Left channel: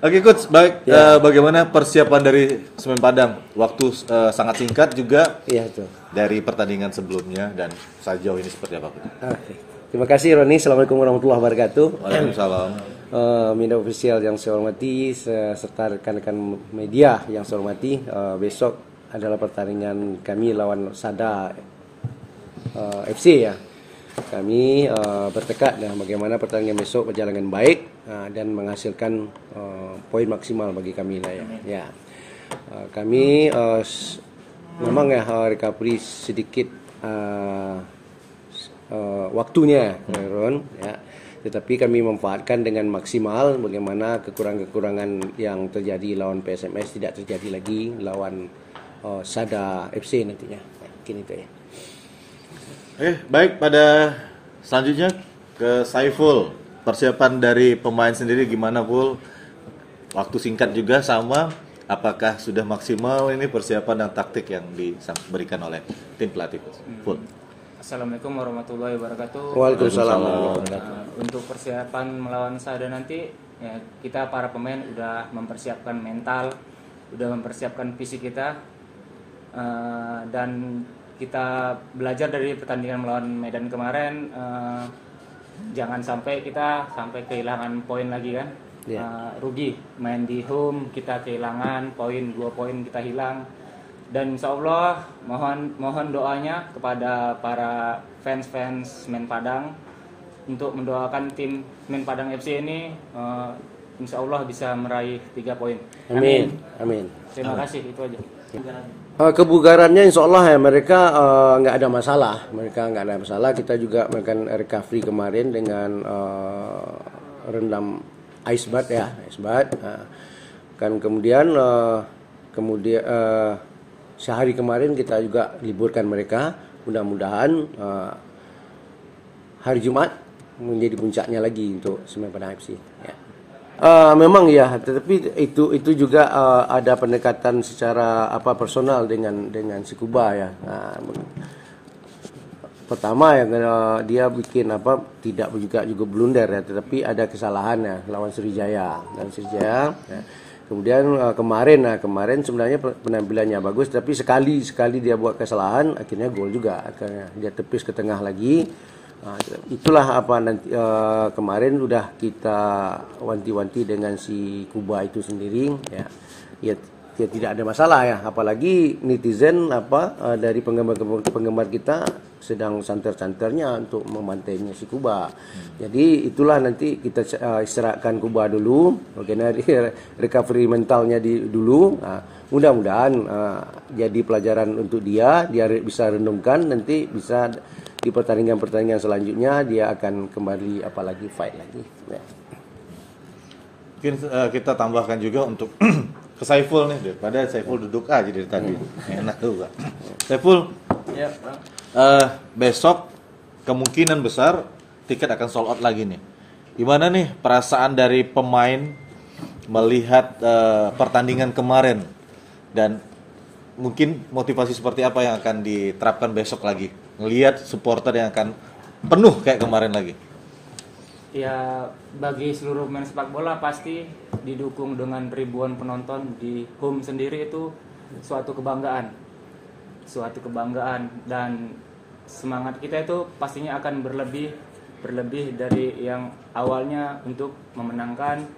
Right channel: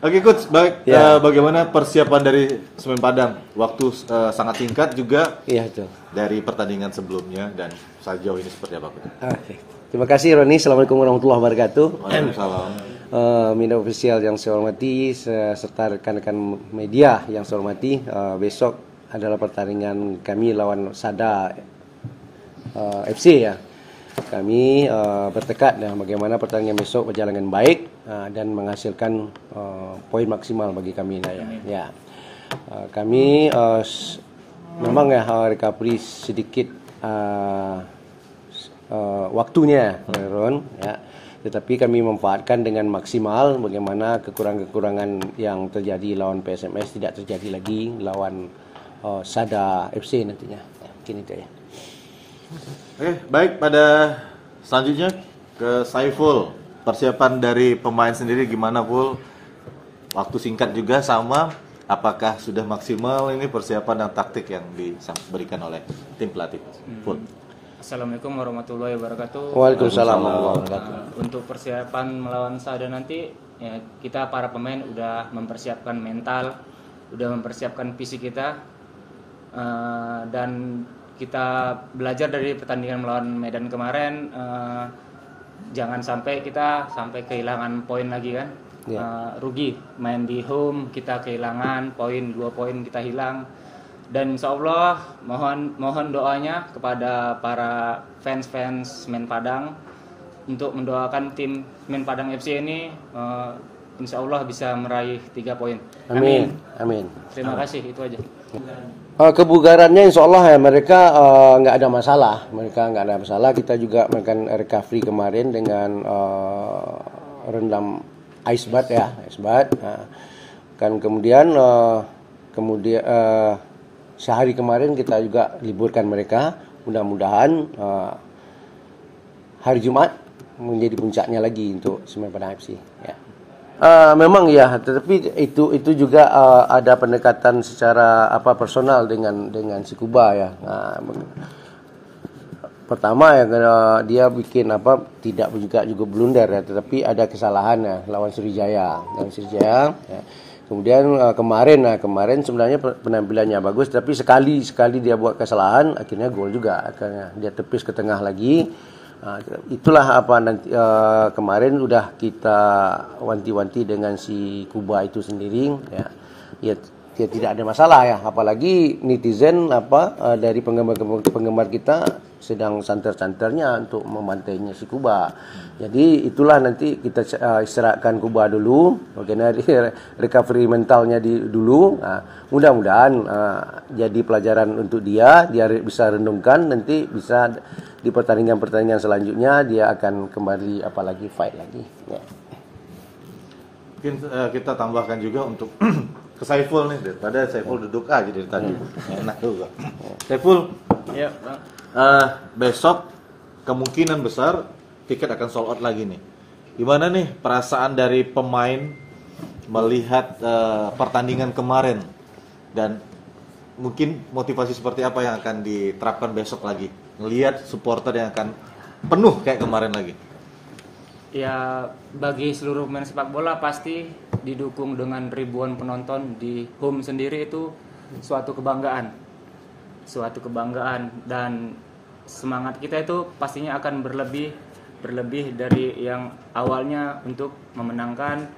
Oke coach, baik. Bagaimana persiapan dari Semen Padang? Waktu sangat singkat juga. Iya itu. Dari pertandingan sebelumnya dan sejauh ini seperti apa? Oke. Terima kasih Roni. Assalamualaikum warahmatullahi wabarakatuh. Waalaikumsalam. Media ofisial yang saya hormati, serta rekan-rekan media yang saya hormati. Besok adalah pertandingan kami lawan Sada FC ya. Kami bertekad bagaimana pertandingan besok berjalan dengan baik dan menghasilkan poin maksimal bagi kami lah ya. Ya. Kami memang recovery sedikit waktunya, Ron ya. Tetapi kami memanfaatkan dengan maksimal bagaimana kekurangan-kekurangan yang terjadi lawan PSMS tidak terjadi lagi lawan Sada FC nantinya. Mungkin itu ya. Baik, pada selanjutnya ke Saiful. Persiapan dari pemain sendiri gimana, Ful? Waktu singkat juga sama, apakah sudah maksimal ini persiapan dan taktik yang diberikan oleh tim pelatih, Ful? Assalamualaikum warahmatullahi wabarakatuh. Waalaikumsalam. Untuk persiapan melawan Sada nanti, ya, kita para pemain udah mempersiapkan mental, udah mempersiapkan fisik kita, dan kita belajar dari pertandingan melawan Medan kemarin. Jangan sampai kita kehilangan poin lagi kan. Rugi main di home, kita kehilangan poin, 2 poin kita hilang. Dan insya Allah mohon doanya kepada para fans Semen Padang untuk mendoakan tim Semen Padang FC ini insya Allah bisa meraih 3 poin. Amin. Terima kasih, itu aja. Kebugarannya insya Allah ya mereka nggak ada masalah. Kita juga melakukan recovery kemarin dengan rendam ice bath ya, kan kemudian sehari kemarin kita juga liburkan mereka. Mudah-mudahan hari Jumat menjadi puncaknya lagi untuk Semen Padang FC ya. Memang ya, tetapi itu juga ada pendekatan secara personal dengan si Kuba ya. Pertama ya dia bikin tidak juga blunder ya, tetapi ada kesalahan ya lawan Sriwijaya ya. Kemudian kemarin sebenarnya penampilannya bagus, tapi sekali dia buat kesalahan akhirnya gol juga, akhirnya dia tepis ke tengah lagi. Itulah nanti kemarin udah kita wanti-wanti dengan si Kuba itu sendiri ya tidak ada masalah ya, apalagi netizen dari penggemar kita sedang santer-santernya untuk membantainya si Kuba. Jadi itulah nanti kita istirahatkan Kuba dulu, bagaimana recovery mentalnya dulu. Mudah-mudahan jadi pelajaran untuk dia bisa renungkan, nanti bisa di pertandingan selanjutnya dia akan kembali apalagi fight lagi ya. Mungkin kita tambahkan juga untuk ke Saiful nih, daripada Saiful duduk aja dari tadi. Enak juga. Saiful, besok kemungkinan besar tiket akan sold out lagi nih. Gimana nih perasaan dari pemain melihat pertandingan kemarin, dan mungkin motivasi seperti apa yang akan diterapkan besok lagi, ngelihat supporter yang akan penuh kayak kemarin lagi? Ya, bagi seluruh pemain sepak bola pasti didukung dengan ribuan penonton di home sendiri itu suatu kebanggaan, dan semangat kita itu pastinya akan berlebih dari yang awalnya untuk memenangkan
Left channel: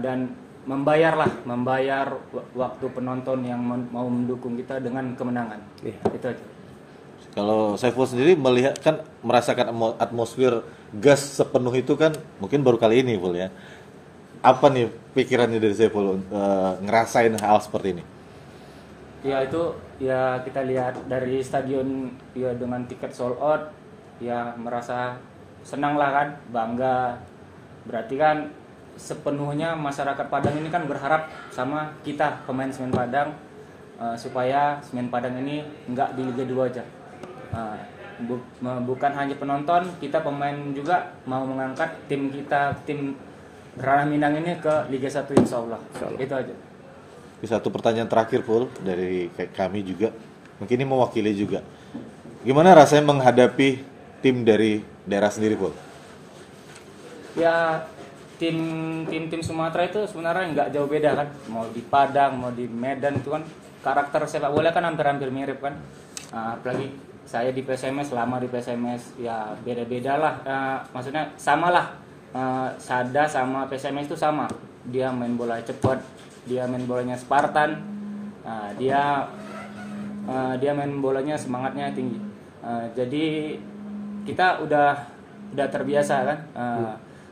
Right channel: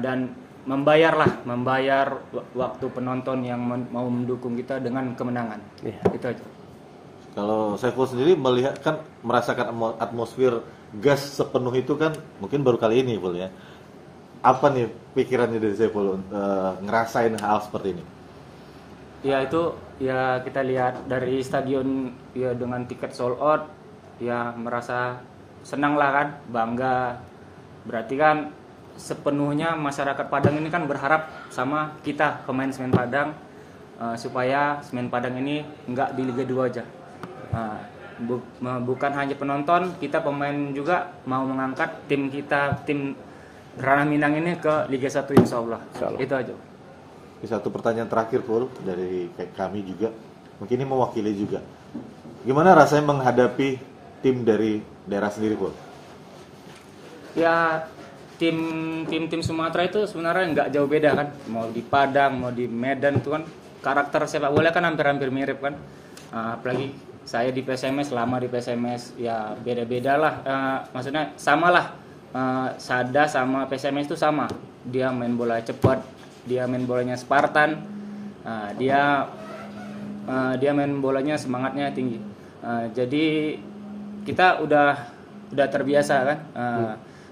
dan membayar waktu penonton yang mau mendukung kita dengan kemenangan. Itu aja. Kalau Saiful sendiri merasakan atmosfer gas sepenuh itu kan mungkin baru kali ini, Ful ya. Apa nih pikirannya dari Saiful ngerasain hal seperti ini? Ya itu ya, kita lihat dari stadion ya dengan tiket sold out ya, merasa senang lah kan, bangga. Berarti kan sepenuhnya masyarakat Padang ini kan berharap sama kita pemain Semen Padang supaya Semen Padang ini enggak di Liga 2 aja. Bukan hanya penonton, kita pemain juga mau mengangkat tim Ranah Minang ini ke Liga 1 insya Allah. Itu aja. Satu pertanyaan terakhir, Ful, dari kami juga, mungkin ini mewakili juga. Gimana rasanya menghadapi tim dari daerah sendiri, Ful? Ya tim Sumatera itu sebenarnya nggak jauh beda kan, mau di Padang mau di Medan itu kan karakter sepak bola kan hampir mirip kan. Apalagi saya di PSMS, lama di PSMS, ya beda-beda lah, maksudnya sama lah. Sada sama PSMS itu sama, dia main bola cepat, dia main bolanya Spartan, dia main bolanya semangatnya tinggi. Jadi kita udah terbiasa kan,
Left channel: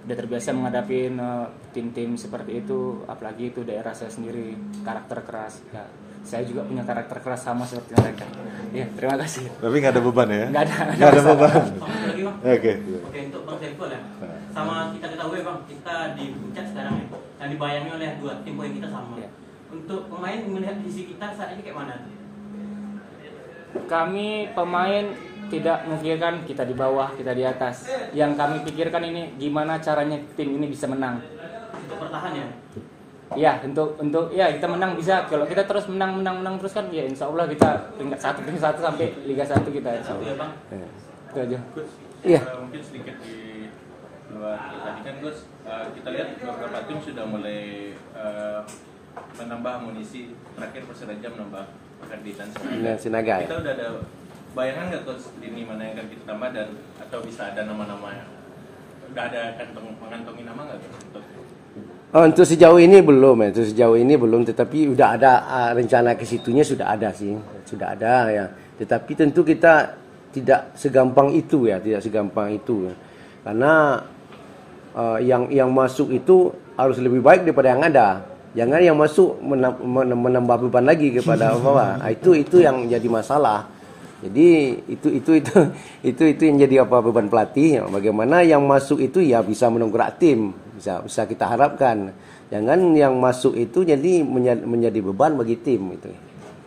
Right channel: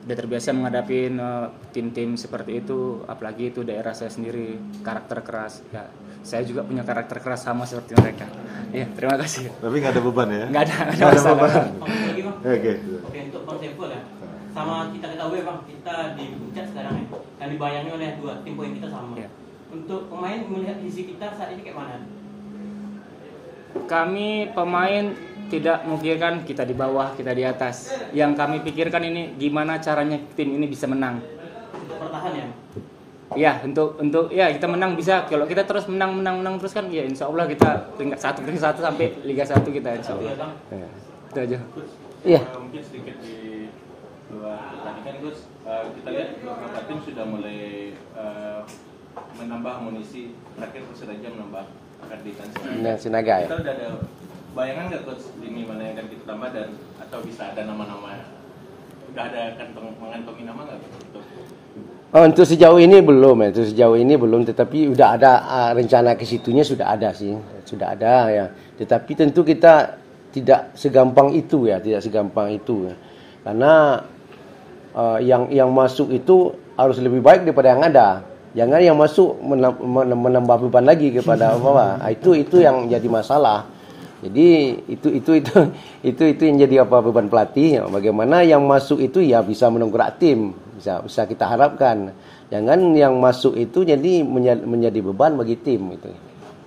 udah terbiasa menghadapi tim-tim seperti itu, apalagi itu daerah saya sendiri, karakter keras. Ya, saya juga punya karakter keras sama seperti mereka. Iya, terima kasih. Tapi nggak ada beban ya? Nggak ada beban. Lagi, Bang. Oke. Oke, untuk Bang Saiful ya. Sama kita ketahui Bang, kita di Puncak sekarang ya, yang dibayangi oleh 2 tim poin kita sama. Iya. Untuk pemain melihat visi kita saat ini kayak mana? Kami pemain tidak memikirkan kita di bawah, kita di atas. Yang kami pikirkan ini gimana caranya tim ini bisa menang. Untuk bertahan ya. Ya, untuk ya kita menang bisa. Kalau kita terus menang terus kan ya insya Allah kita peringkat 1 sampai Liga 1 kita. Satu ya Bang. Itu aja. Iya. Mungkin sedikit di luar tadi kan Gus, kita lihat beberapa tim sudah mulai menambah amunisi. Terakhir Persiraja menambah Arditan Sinaga ya. Kita udah ada bayangan nggak Gus ini mana yang akan kita tambah dan atau bisa ada nama-nama, udah ada mengantongi nama nggak Gus? Untuk sejauh ini belum, tetapi udah ada rencana ke situnya sudah ada sih, sudah ada ya. Tetapi tentu kita tidak segampang itu ya, karena yang masuk itu harus lebih baik daripada yang ada. Jangan yang masuk menambah beban lagi kepada apa? Itu yang jadi masalah. Jadi itu yang jadi beban pelatih. Bagaimana yang masuk itu ya bisa mendongkrak tim, bisa kita harapkan. Jangan yang masuk itu jadi menjadi beban bagi tim itu.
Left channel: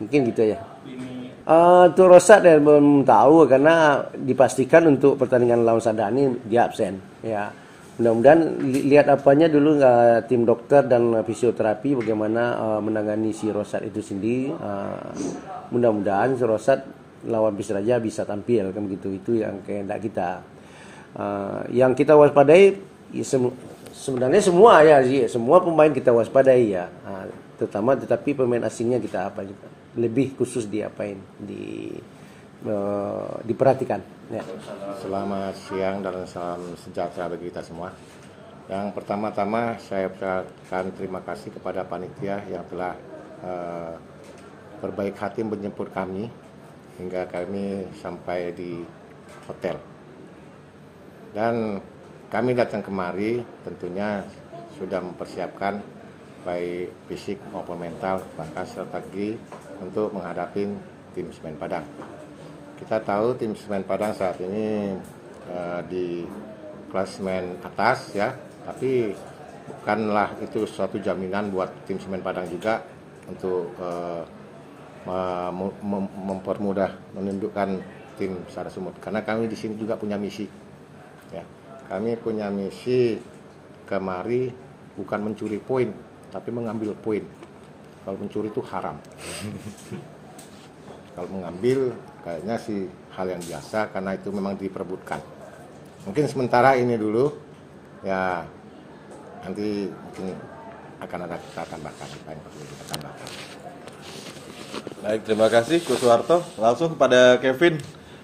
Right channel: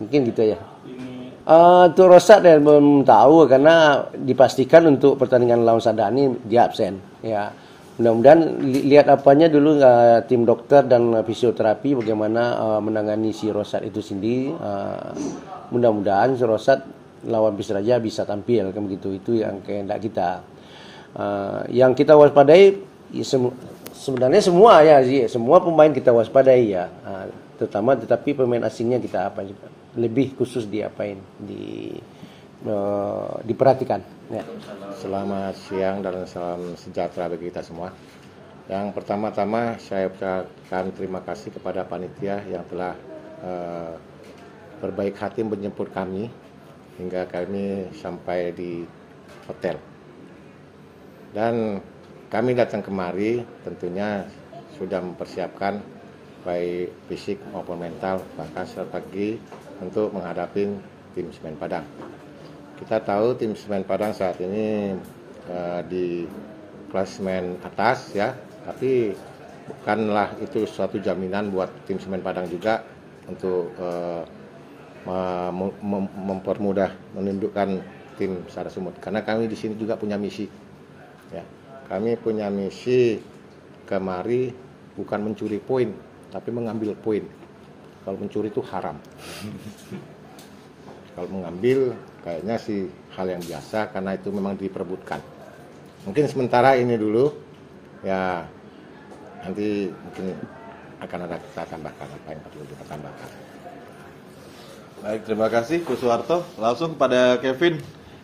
Mungkin gitu ya. Untuk Rosat belum tahu karena dipastikan untuk pertandingan lawan Sadani dia absen. Ya. Mudah-mudahan lihat apanya dulu tim dokter dan fisioterapi bagaimana menangani si Rosat itu sendiri. Mudah-mudahan si Rosat lawan Persiraja bisa tampil kan begitu, itu yang kehendak kita. Yang kita waspadai ya, sebenarnya semua ya, semua pemain kita waspadai ya, tetapi pemain asingnya kita lebih khusus diperhatikan. Ya. Selamat siang dan salam sejahtera bagi kita semua. Yang pertama-tama saya ucapkan terima kasih kepada panitia yang telah berbaik hati menjemput kami hingga kami sampai di hotel. Dan kami datang kemari tentunya sudah mempersiapkan baik fisik maupun mental, bahkan strategi untuk menghadapi tim Semen Padang. Kita tahu tim Semen Padang saat ini di klasemen atas ya, tapi bukanlah itu suatu jaminan buat tim Semen Padang juga untuk mempermudah menundukkan tim Sara Sumut, karena kami di sini juga punya misi ya. Kami punya misi kemari bukan mencuri poin tapi mengambil poin. Kalau mencuri itu haram. Kalau mengambil kayaknya sih hal yang biasa karena itu memang diperebutkan. Mungkin sementara ini dulu ya, nanti mungkin akan ada kita tambahkan apa yang perlu kita tambahkan. Baik, terima kasih Kuswarto. Langsung kepada Kevin,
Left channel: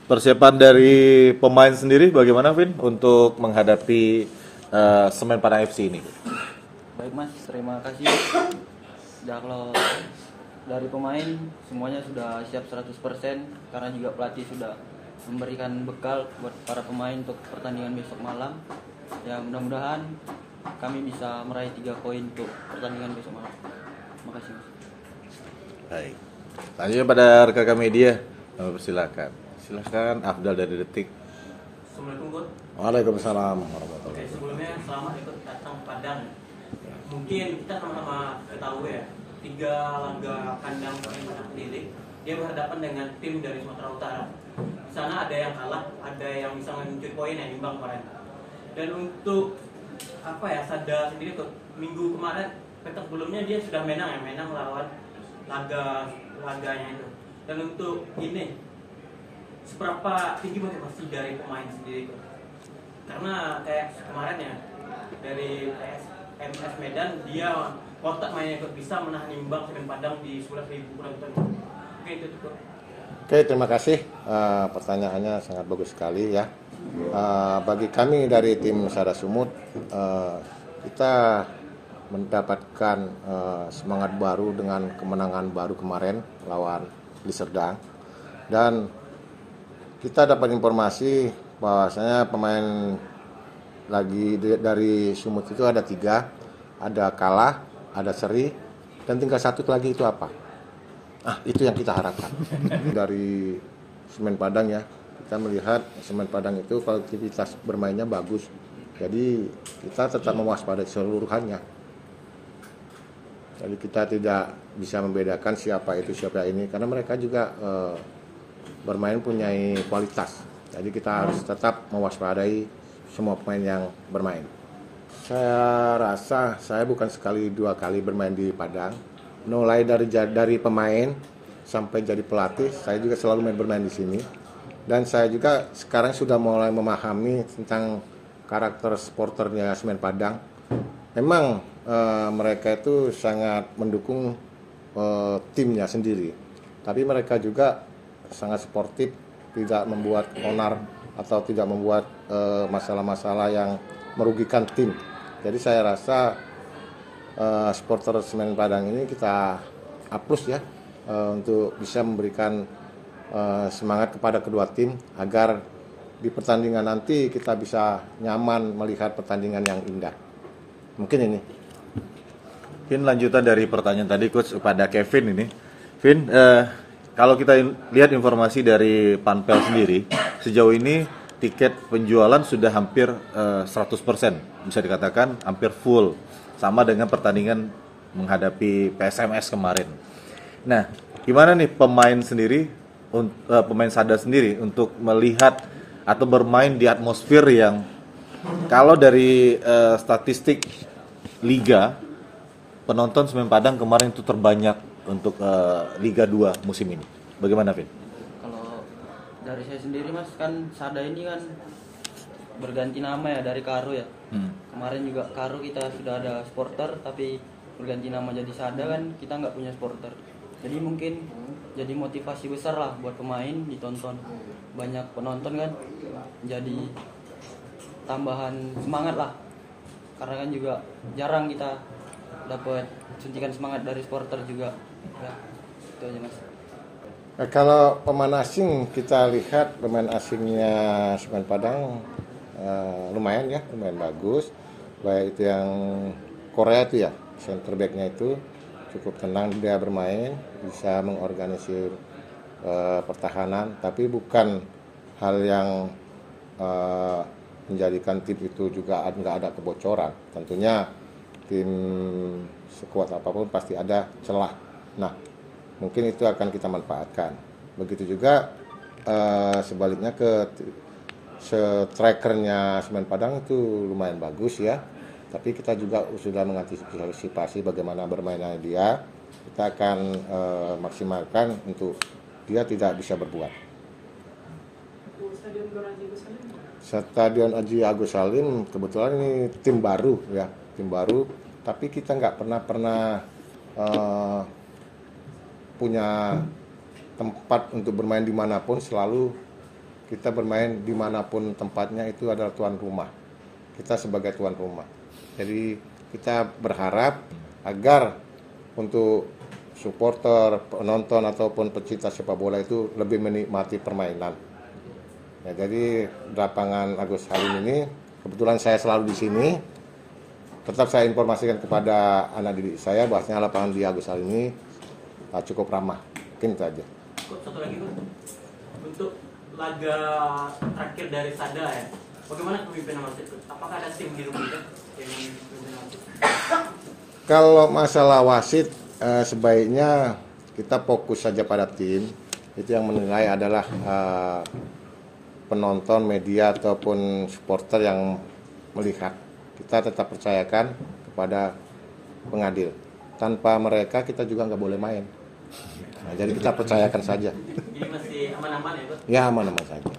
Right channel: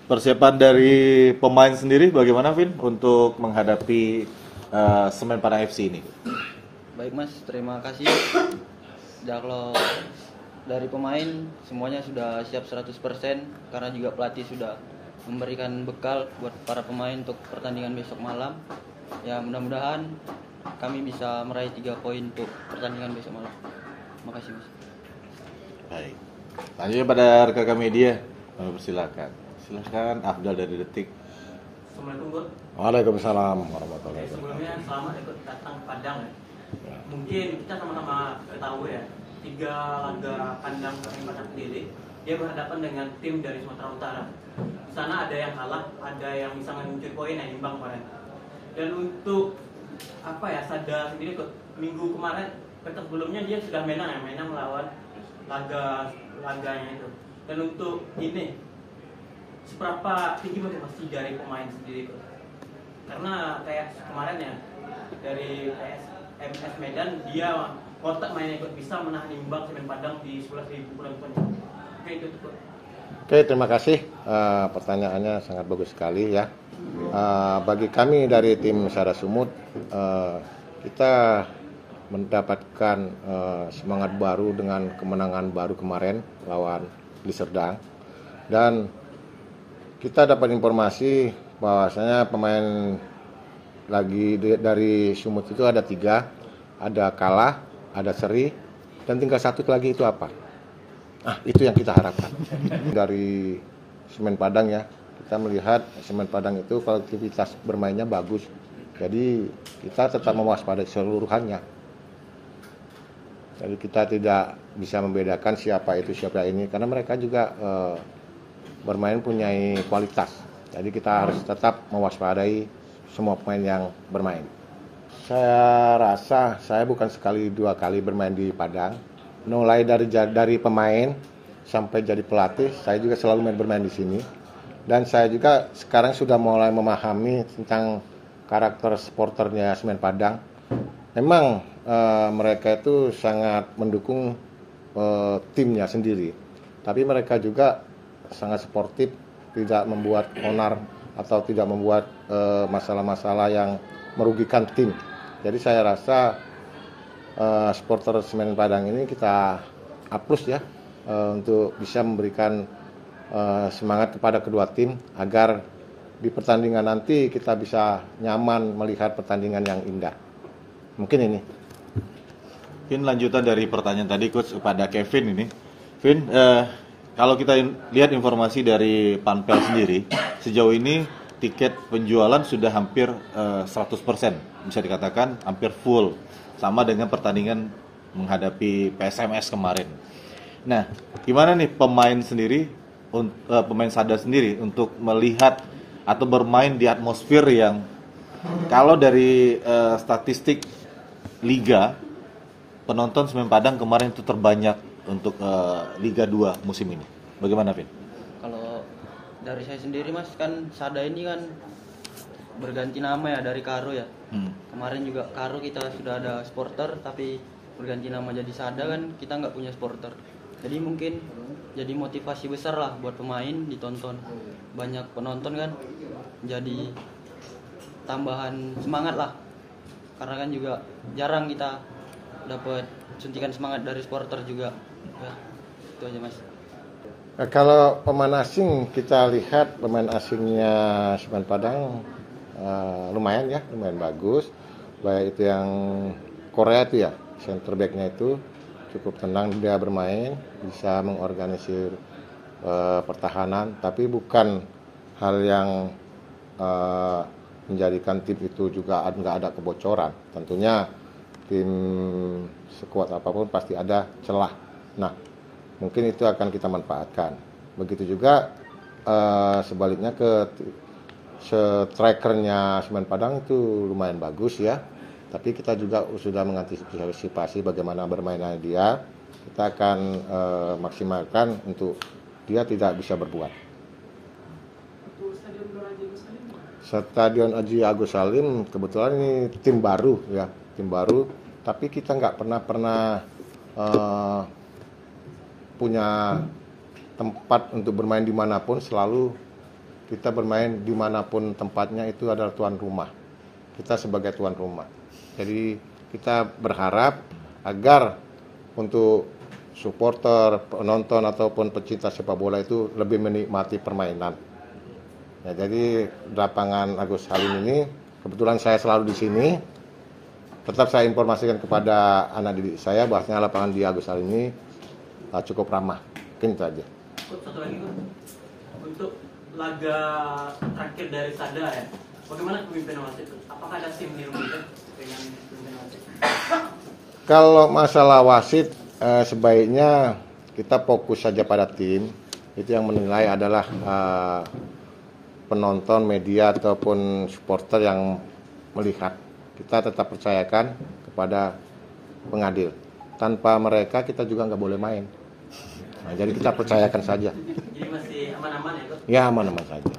persiapan dari pemain sendiri bagaimana Vin untuk menghadapi Semen Padang FC ini? Baik Mas, terima kasih. Kalau dari pemain semuanya sudah siap 100% karena juga pelatih sudah memberikan bekal buat para pemain untuk pertandingan besok malam. Ya mudah-mudahan kami bisa meraih 3 poin untuk pertandingan besok malam. Terima kasih Mas. Baik. Lanjutnya pada rekan media, kami persilakan. Silakan Afdal dari Detik. Assalamualaikum Gus. Waalaikumsalam warahmatullahi wabarakatuh. Sebelumnya selamat ikut datang Padang. Mungkin kita sama-sama ketahui ya, 3 laga kandang Padang sendiri dia berhadapan dengan tim dari Sumatera Utara. Di sana ada yang kalah, ada yang bisa mencuri poin, yang imbang kemarin. Dan untuk Sada sendiri tuh minggu kemarin, pekan sebelumnya dia sudah menang melawan laganya itu. Dan untuk ini seberapa tinggi motivasi dari pemain sendiri itu? Karena kayak kemarin ya, dari PSMS Medan, dia kotak mainnya ikut bisa menahan imbang Semen Padang di 11.000 penonton. Oke, itu tuh. Oke, terima kasih. Pertanyaannya sangat bagus sekali ya. Bagi kami dari tim Sada Sumut, kita mendapatkan semangat baru dengan kemenangan baru kemarin lawan Liserdang, dan kita dapat informasi bahwasanya pemain lagi dari Sumut itu ada 3, ada kalah, ada seri, dan tinggal 1 lagi itu apa? Itu yang kita harapkan dari Semen Padang ya. Kita melihat Semen Padang itu kualitas bermainnya bagus, jadi kita tetap mewaspadai seluruhannya. Jadi kita tidak bisa membedakan siapa itu siapa ini, karena mereka juga bermain punya kualitas. Jadi kita harus tetap mewaspadai semua pemain yang bermain. Saya rasa saya bukan sekali 2 kali bermain di Padang. Mulai dari pemain sampai jadi pelatih, saya juga selalu bermain di sini. Dan saya juga sekarang sudah mulai memahami tentang karakter supporternya Semen Padang. Memang mereka itu sangat mendukung timnya sendiri, tapi mereka juga sangat sportif, tidak membuat onar atau tidak membuat masalah-masalah yang merugikan tim. Jadi saya rasa supporter Semen Padang ini kita approve ya, untuk bisa memberikan semangat kepada kedua tim agar di pertandingan nanti kita bisa nyaman melihat pertandingan yang indah. Mungkin ini. Mungkin lanjutan dari pertanyaan tadi Coach kepada Kevin ini. Vin, kalau kita lihat informasi dari Panpel sendiri, sejauh ini tiket penjualan sudah hampir 100%, bisa dikatakan hampir full, sama dengan pertandingan menghadapi PSMS kemarin. Nah, gimana nih pemain Sada sendiri untuk melihat atau bermain di atmosfer yang, kalau dari statistik Liga, penonton Semen Padang kemarin itu terbanyak untuk Liga 2 musim ini. Bagaimana, Vin? Kalau dari saya sendiri Mas, kan Sada ini kan berganti nama ya dari Karu ya. Kemarin juga Karu kita sudah ada supporter, tapi berganti nama jadi Sada kan kita nggak punya supporter. Jadi mungkin jadi motivasi besar lah buat pemain ditonton. Banyak penonton kan jadi tambahan semangat lah. Karena kan juga jarang kita dapat suntikan semangat dari supporter juga. Ya, itu aja Mas. Kalau pemain asing, kita lihat pemain asingnya Semen Padang lumayan ya, lumayan bagus. Baik itu yang Korea itu ya, center back-nya itu cukup tenang dia bermain, bisa mengorganisir pertahanan, tapi bukan hal yang menjadikan tim itu juga nggak ada kebocoran. Tentunya tim sekuat apapun pasti ada celah. Nah, mungkin itu akan kita manfaatkan. Begitu juga sebaliknya ke strikernya Semen Padang itu lumayan bagus ya. Tapi kita juga sudah mengantisipasi bagaimana bermainnya dia. Kita akan maksimalkan untuk dia tidak bisa berbuat. Stadion Haji Agus Salim kebetulan ini tim baru ya, tim baru. Tapi kita nggak pernah punya tempat untuk bermain dimanapun. Selalu kita bermain dimanapun tempatnya itu adalah tuan rumah. Kita sebagai tuan rumah. Jadi kita berharap agar untuk supporter, penonton ataupun pecinta sepak bola itu lebih menikmati permainan. Nah, jadi lapangan Agus Salim ini kebetulan saya selalu di sini. Tetap saya informasikan kepada anak didik saya bahwasanya lapangan di Agus Salim ini cukup ramah. Mungkin itu aja. Satu lagi untuk laga terakhir dari Sada ya. Bagaimana kepemimpinan wasit? Apakah ada tim di rumah? Kalau masalah wasit, sebaiknya kita fokus saja pada tim. Itu yang menilai adalah penonton, media ataupun supporter yang melihat. Kita tetap percayakan kepada pengadil. Tanpa mereka kita juga nggak boleh main. Nah, jadi kita percayakan saja. Jadi masih aman-aman ya, Pak? Ya, aman-aman saja.